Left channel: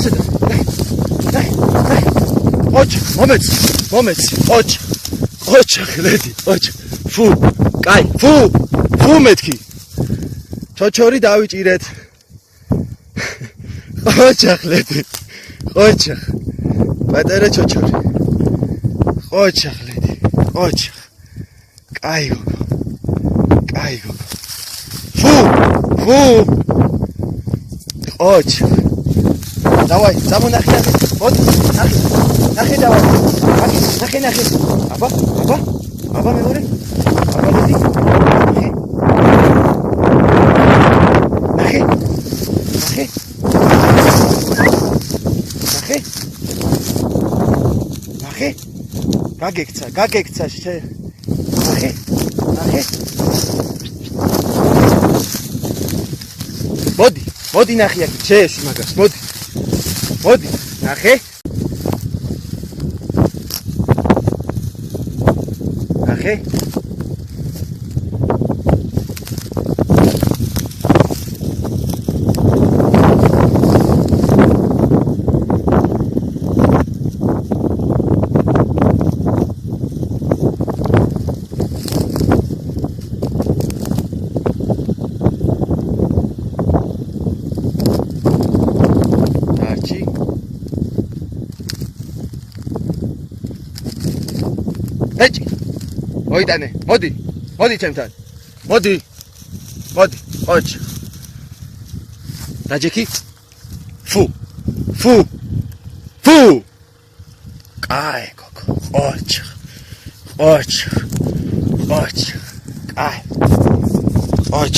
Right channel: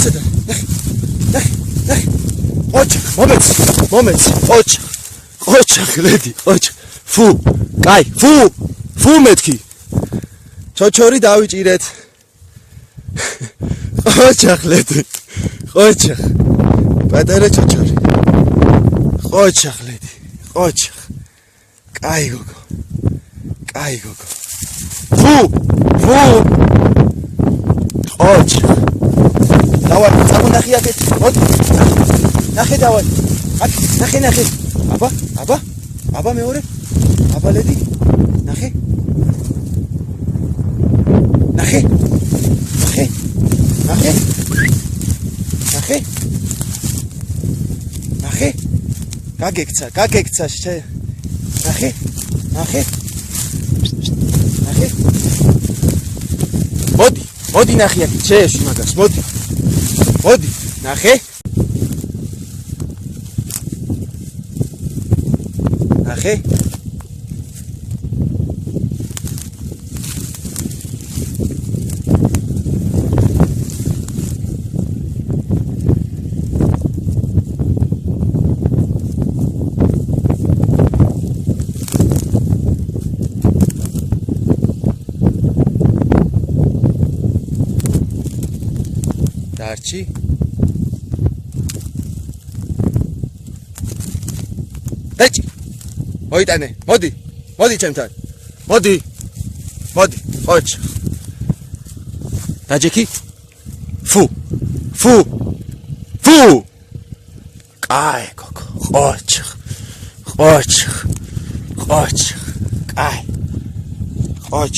ასედა. ნახე. მომეც. ოჩახ, ლედი, ოჩახ. ფუ მეთქი. ჩოჩორი დავიჭირეთ. ოჩახ, ლედი. ოჩახ. პატარა ჩოჩორი. ოჩახ, ლედი. ოჩახ. კაი გოგო. ფუ. ოჩახ. დავაი, წამონახე და მოდი. ნახე დავაი. ნახე. აბა მეორე. აბა ლედი. ნახე. გაგექცა ნახე. მოდი ნახე აქ შეეში მაგას მოდი ნახე დარჩი დეჭი მოიტანე მოდი ჩემთან მოდი ოჩ დაჯექი ფუ კაი გოგო ოჩ კაი ოჩ